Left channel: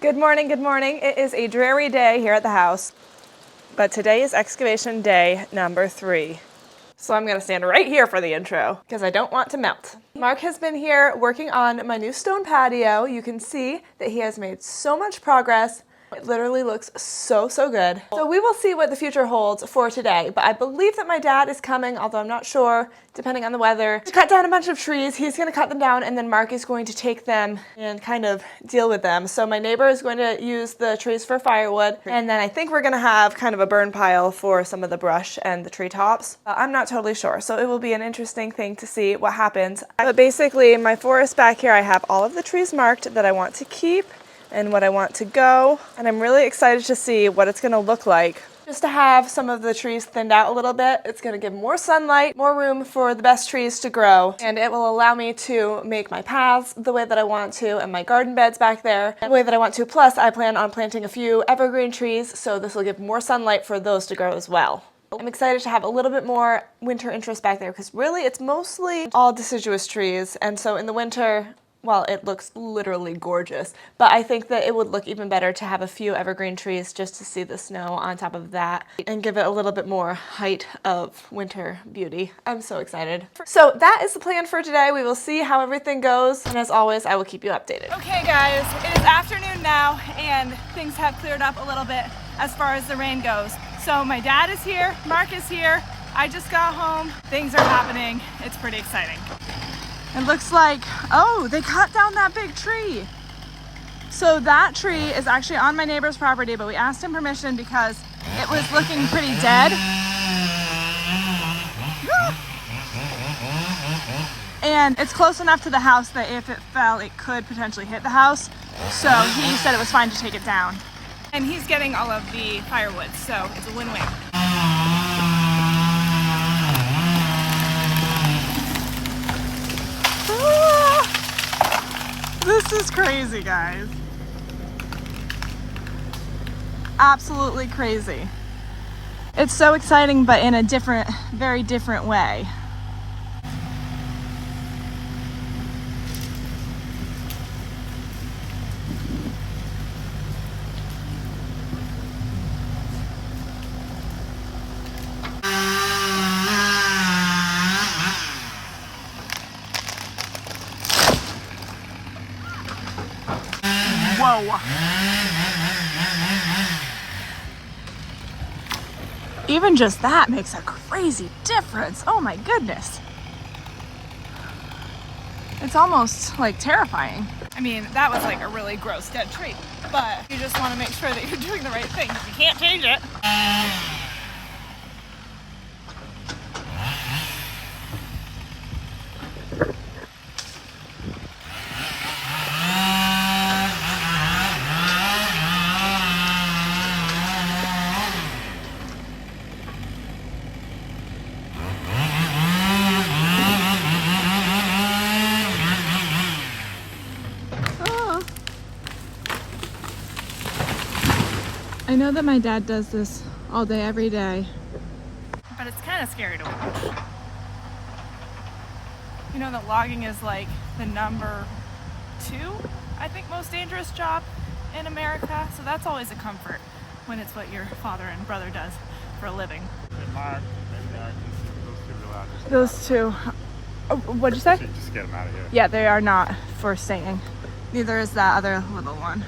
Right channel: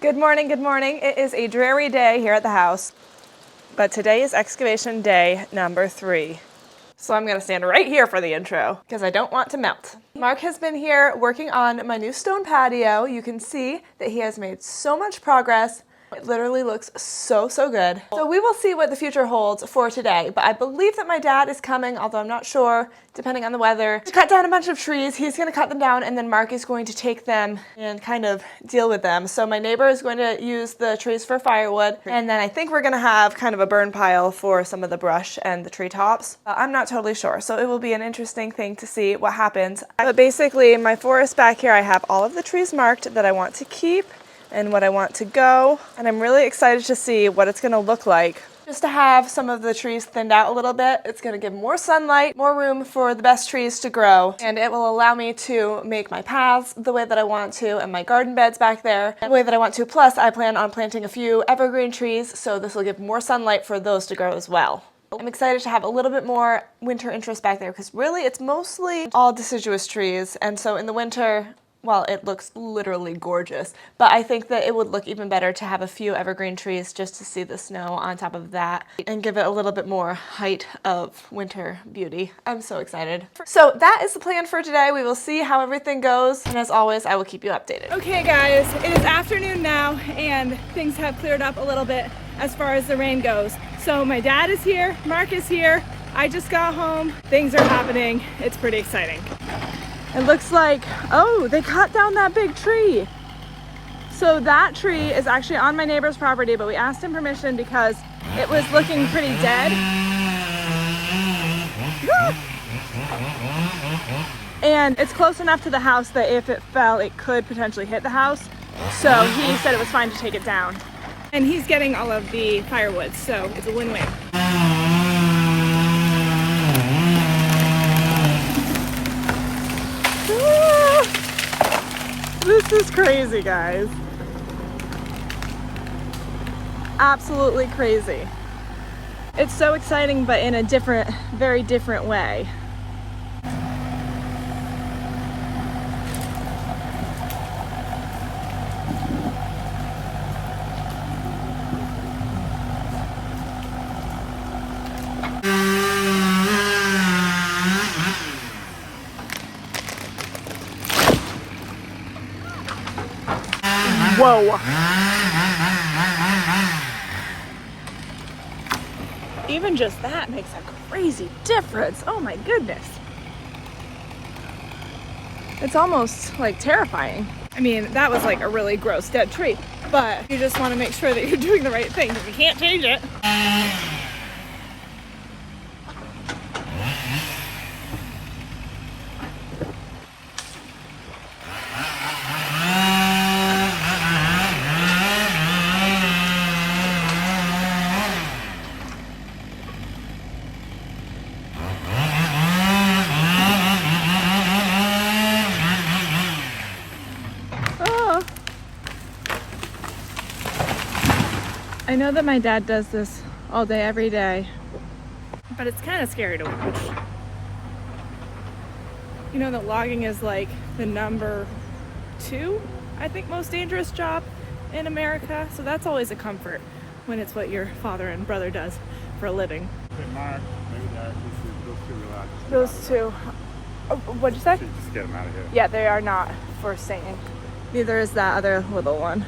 Good morning, good morning. It is a dreary day here at the house, but today is excavation day number 3. So I'm gonna stand right here for the intro because I don't want to melt. Mark has been here working on my new stone patio. You can see that he has made so much progress. It literally looks so good. So we will see what the future holds for today, but I believe that my dad is coming, although I'm not sure, depending on the weather, to cut down a bunch of trees. He's gonna cut them down and then Mark is going to take them and kind of deal with them. So my neighbor is going to use the trees for firewood, and then I think we're gonna have kind of a burn pile for some of the brush and the treetops. I'm not totally sure, so it will be an interesting thing to see what happens. But basically, in my forest back here, I have all of the trees marked that I want to keep and what I want to go, and I'm really excited to see what it's going to look like. Just to have some of the trees thinned out a little bit, it's going to give more sunlight, more room for the best trees to grow, and it will allow me to make my paths the way that I want to and my garden beds back there the way that I want to. Plus, I plan on planting a few evergreen trees, so this will give more sunlight for those to grow as well. I'm excited to have a little bit more winter interest back there because really it's mostly all deciduous trees, and so in the winter, well, it looks literally gorgeous, but I think that it would look even better to have a few evergreen trees just to see the snow on top of that and give it a little bit more height of winter beauty. I'm so excited. So that is the plan for today. We will see how everything goes, and as always, I will keep you updated. Okay guys, it is afternoon now and things have cleared up a little bit as far as the rain goes. So my dad is here, Mark is here, I just got home, things are happening, it's pretty exciting. It looks like, oh, they cut down that big tree. So that tree is actually on my neighbor's property, but we asked him permission because it was looking pretty dead. And it's close enough to the house that if it fell, it could potentially hit the house. So he said it was fine to take it down. And he's getting all of the firewood, so it's a win-win. This is crazy, guys. Absolutely crazy. It's so exciting, but in a different, very different way. Whoa. Even just that makes a crazy difference. Oh my goodness. It's almost like terrifying. I mean, that was like a really gross dead tree, but you just want to make sure that you're doing the right thing because you can't change it. I know that my dad does this all day, every day, but it's kind of scary to watch. You know that logging is like the number 2, I think, most dangerous job in America, so that's always a comfort when it's what your father and brother does for a living. Those two. Oh, what'd you say? Just get them out of here. Yeah, they are not for staying. Neither is that other little one.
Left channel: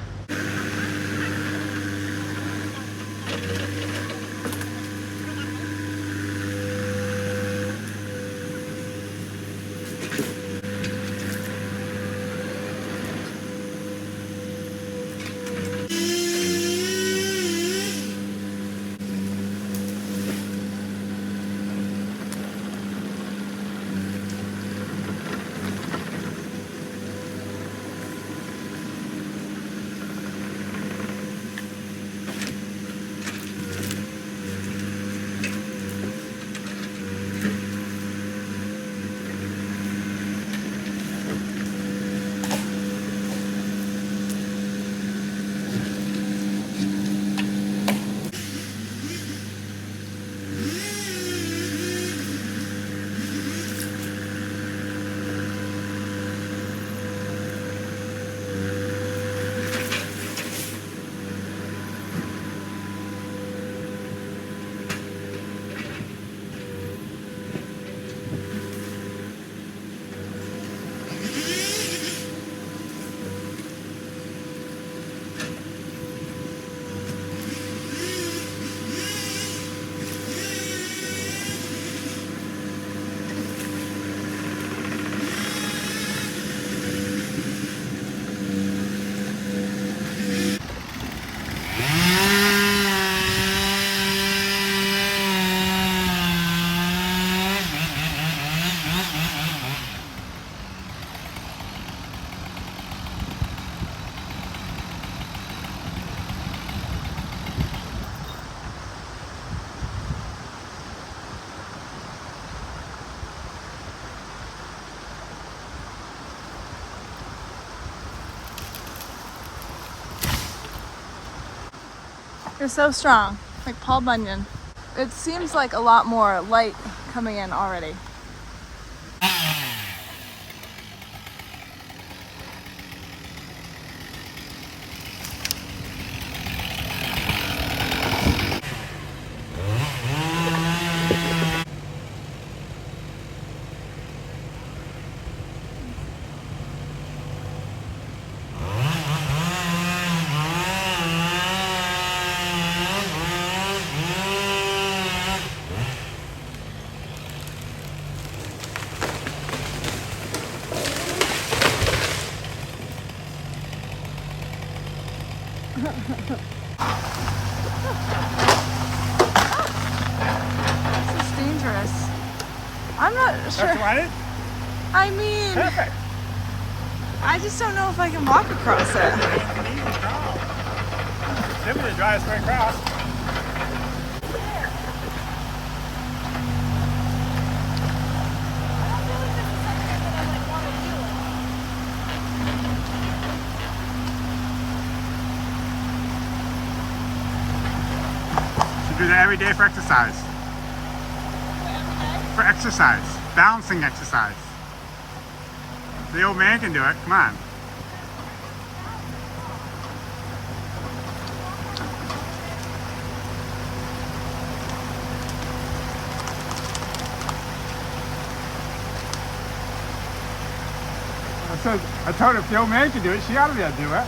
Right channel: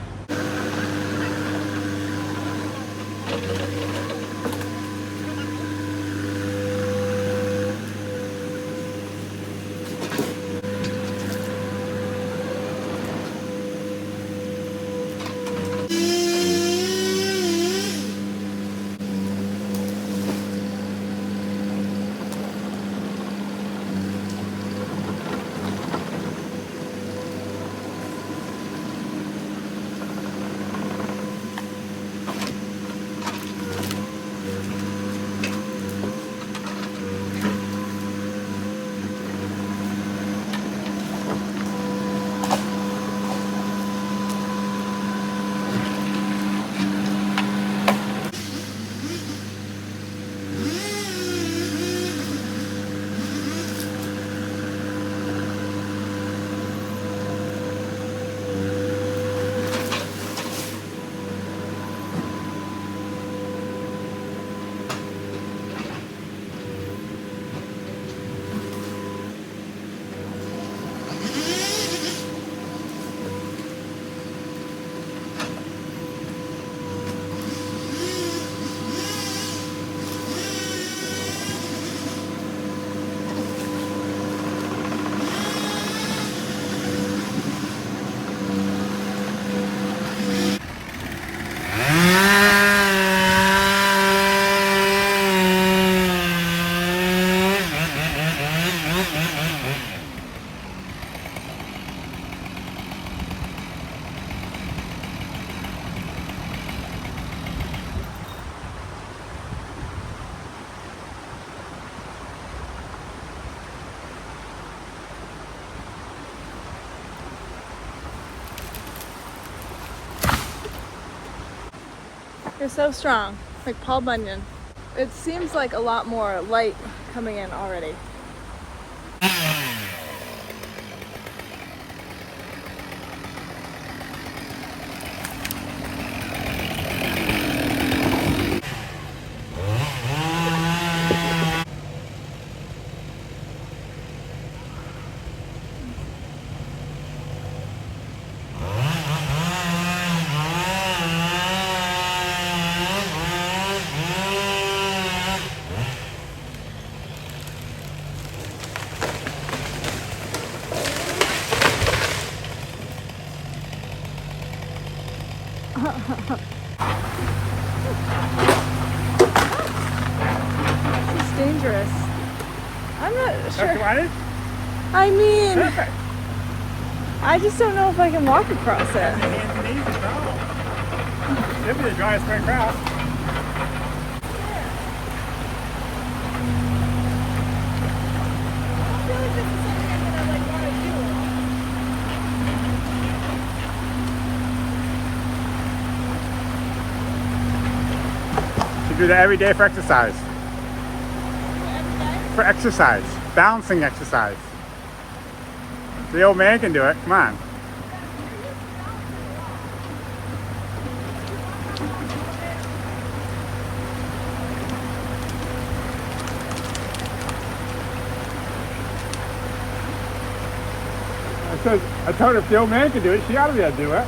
They're so strong, like Paul Bunyan. It seems like a lot more light coming in already. This is dangerous. I'm not sure. I mean, Perfect. I just don't know if I can walk across it. This is the driest way across. Should do that every day for exercise. For exercise. Balancing exercise. The old man can do it. Come on. I told her if the old man can do it, she ought to be able to do it.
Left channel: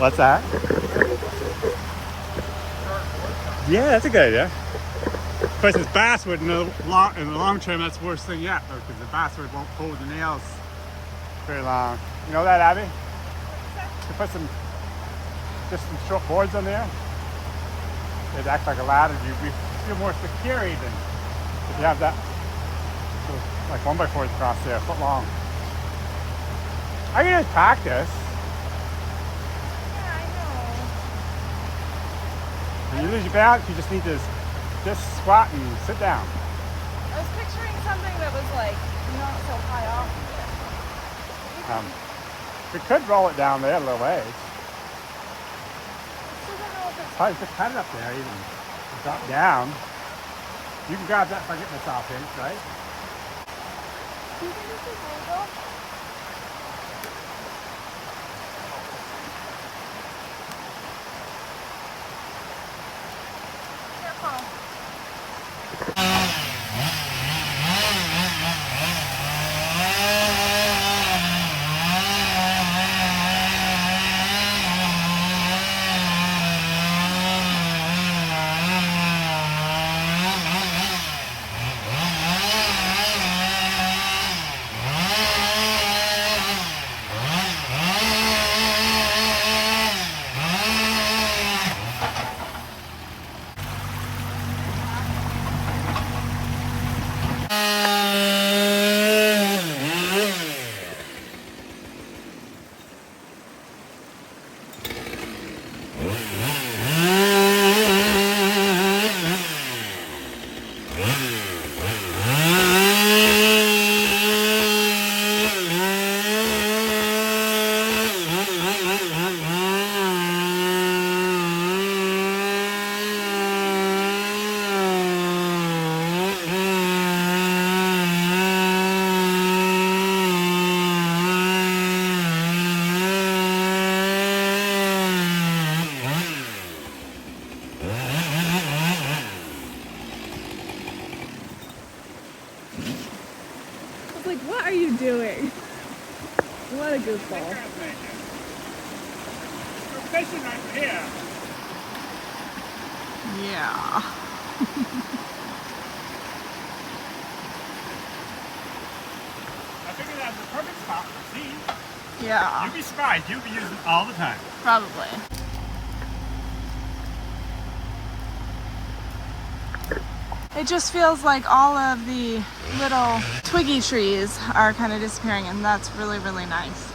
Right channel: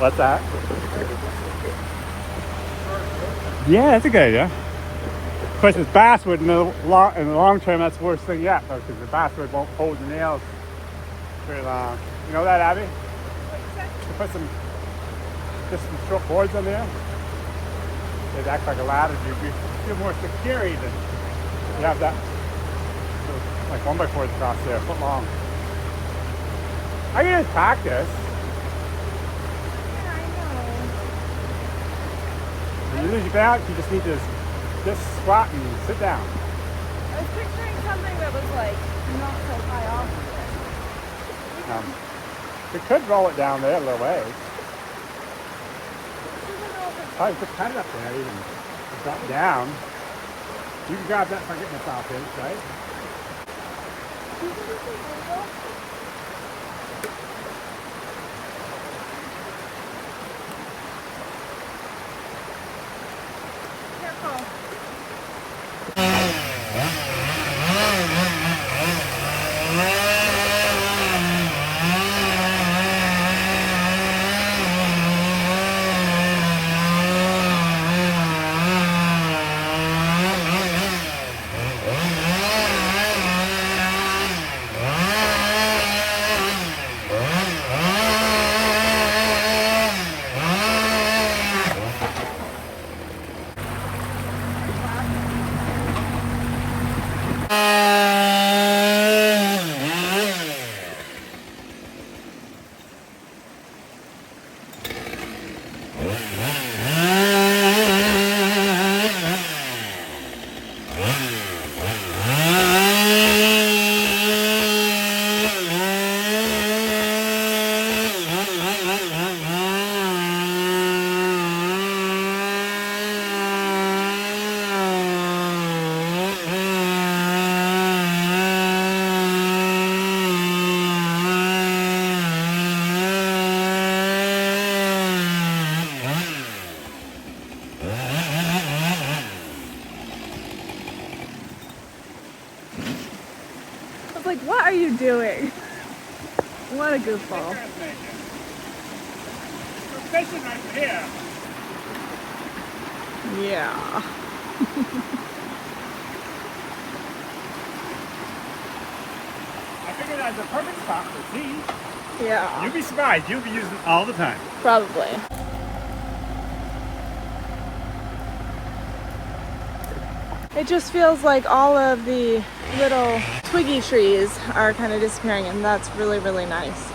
What's that? Yeah, that's a good idea. Of course, it's basswood in the long term. That's the worst thing yet, though, because the basswood won't hold the nails very long. You know that, Abby? To put some short boards on there. They'd act like a ladder. You feel more secure even if you have that, like 1x4s across there, a foot long. I can just practice. When you lose your balance, you just need to just squat and sit down. I was picturing something that was like not so high off. We could roll it down there a little ways. Probably just cut it up there even. Drop down. You can grab that if I get myself in, right? Careful. I was like, what are you doing? What a goofball. We're fishing right here. Yeah. I figured that was a perfect spot for these. Yeah. You'd be surprised. You'll be using it all the time. Probably. It just feels like all of the little twiggy trees are kind of disappearing, and that's really, really nice.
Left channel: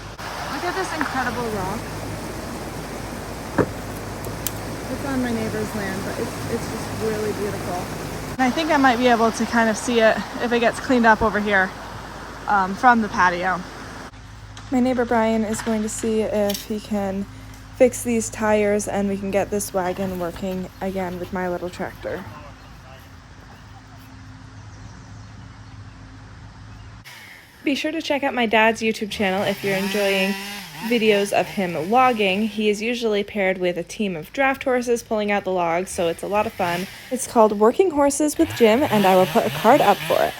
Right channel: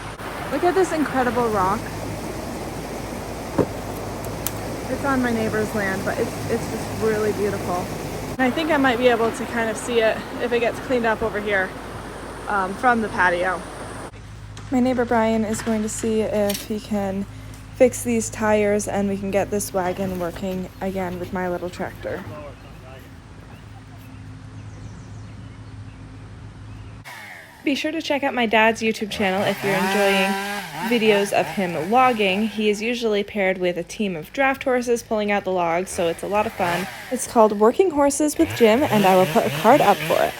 Look at this incredible rock. It's on my neighbor's land, but it's just really beautiful. And I think I might be able to kind of see it if it gets cleaned up over here from the patio. My neighbor Brian is going to see if he can fix these tires and we can get this wagon working again with my little tractor. Be sure to check out my dad's YouTube channel if you're enjoying videos of him logging. He is usually paired with a team of draft horses pulling out the logs, so it's a lot of fun. It's called Working Horses with Jim, and I will put a card up for it.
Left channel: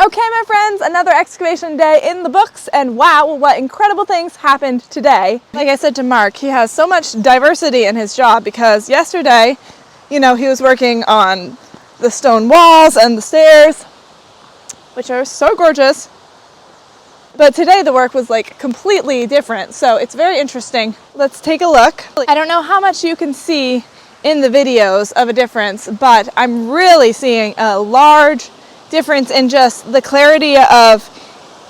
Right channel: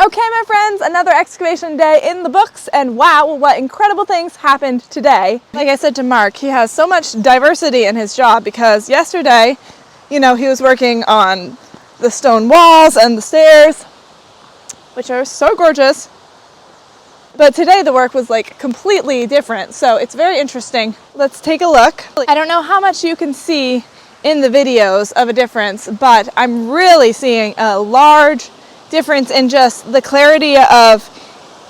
Okay, my friends, another excavation day in the books, and wow, what incredible things happened today. Like I said to Mark, he has so much diversity in his job because yesterday, you know, he was working on the stone walls and the stairs, which are so gorgeous. But today the work was like completely different, so it's very interesting. Let's take a look. I don't know how much you can see in the videos of a difference, but I'm really seeing a large difference in just the clarity of,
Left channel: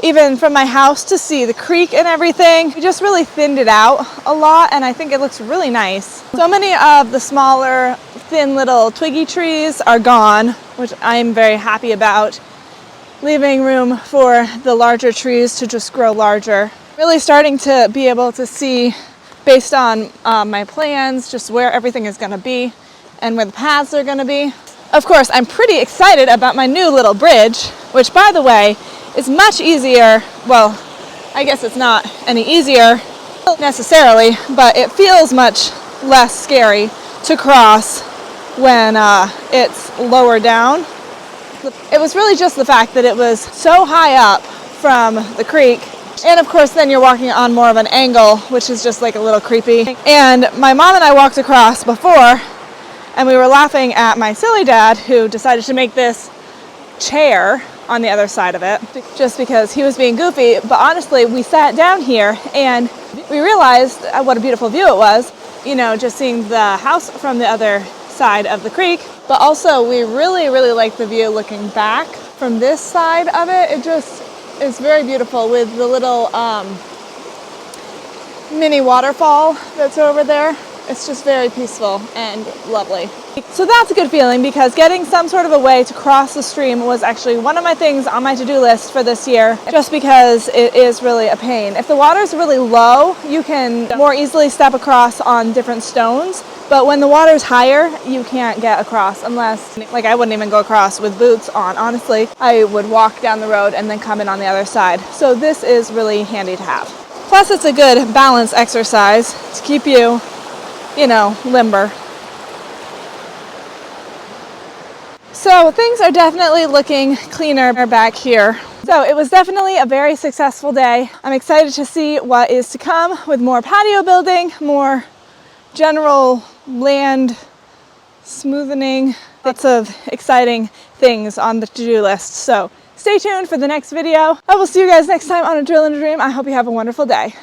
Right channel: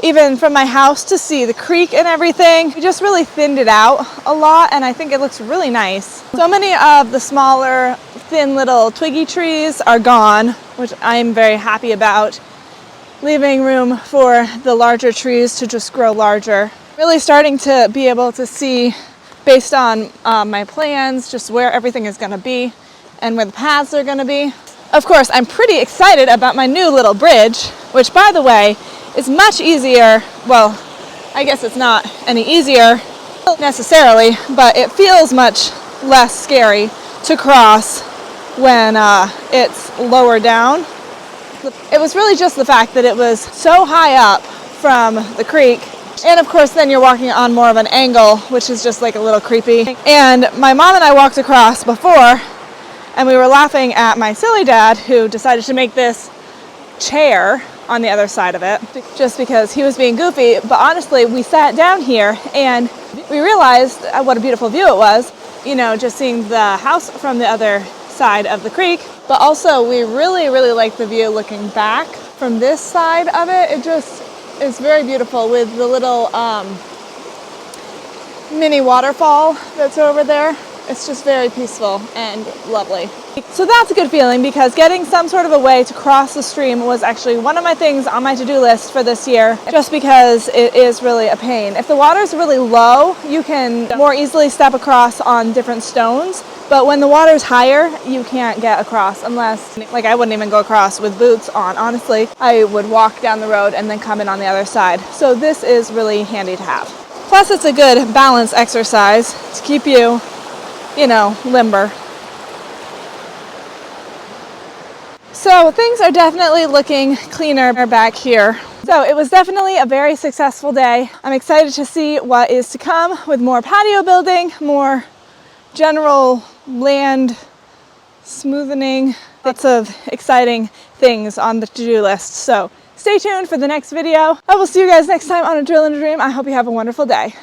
even from my house to see the creek and everything. We just really thinned it out a lot, and I think it looks really nice. So many of the smaller, thin little twiggy trees are gone, which I'm very happy about, leaving room for the larger trees to just grow larger. Really starting to be able to see, based on my plans, just where everything is going to be and where the paths are going to be. Of course, I'm pretty excited about my new little bridge, which, by the way, is much easier. Well, I guess it's not any easier necessarily, but it feels much less scary to cross when it's lower down. It was really just the fact that it was so high up from the creek, and of course then you're walking on more of an angle, which is just like a little creepy. And my mom and I walked across before, and we were laughing at my silly dad who decided to make this chair on the other side of it, just because he was being goofy. But honestly, we sat down here and we realized what a beautiful view it was, you know, just seeing the house from the other side of the creek. But also we really, really like the view looking back from this side of it. It just is very beautiful with the little mini waterfall that's over there. It's just very peaceful and lovely. So that's a good feeling, because getting some sort of a way to cross the stream was actually one of my things on my to-do list for this year, just because it is really a pain. If the water's really low, you can more easily step across on different stones, but when the water's higher, you can't get across unless, like, I wouldn't even go across with boots on. Honestly, I would walk down the road and then come in on the other side. So this is really handy to have. Plus, it's a good balance exercise to keep you, you know, limber. So things are definitely looking cleaner back here. So it was definitely a very successful day. I'm excited to see what is to come with more patio building, more general land smoothing, lots of exciting things on the to-do list. So stay tuned for the next video. I will see you guys next time on A Drill and a Dream. I hope you have a wonderful day.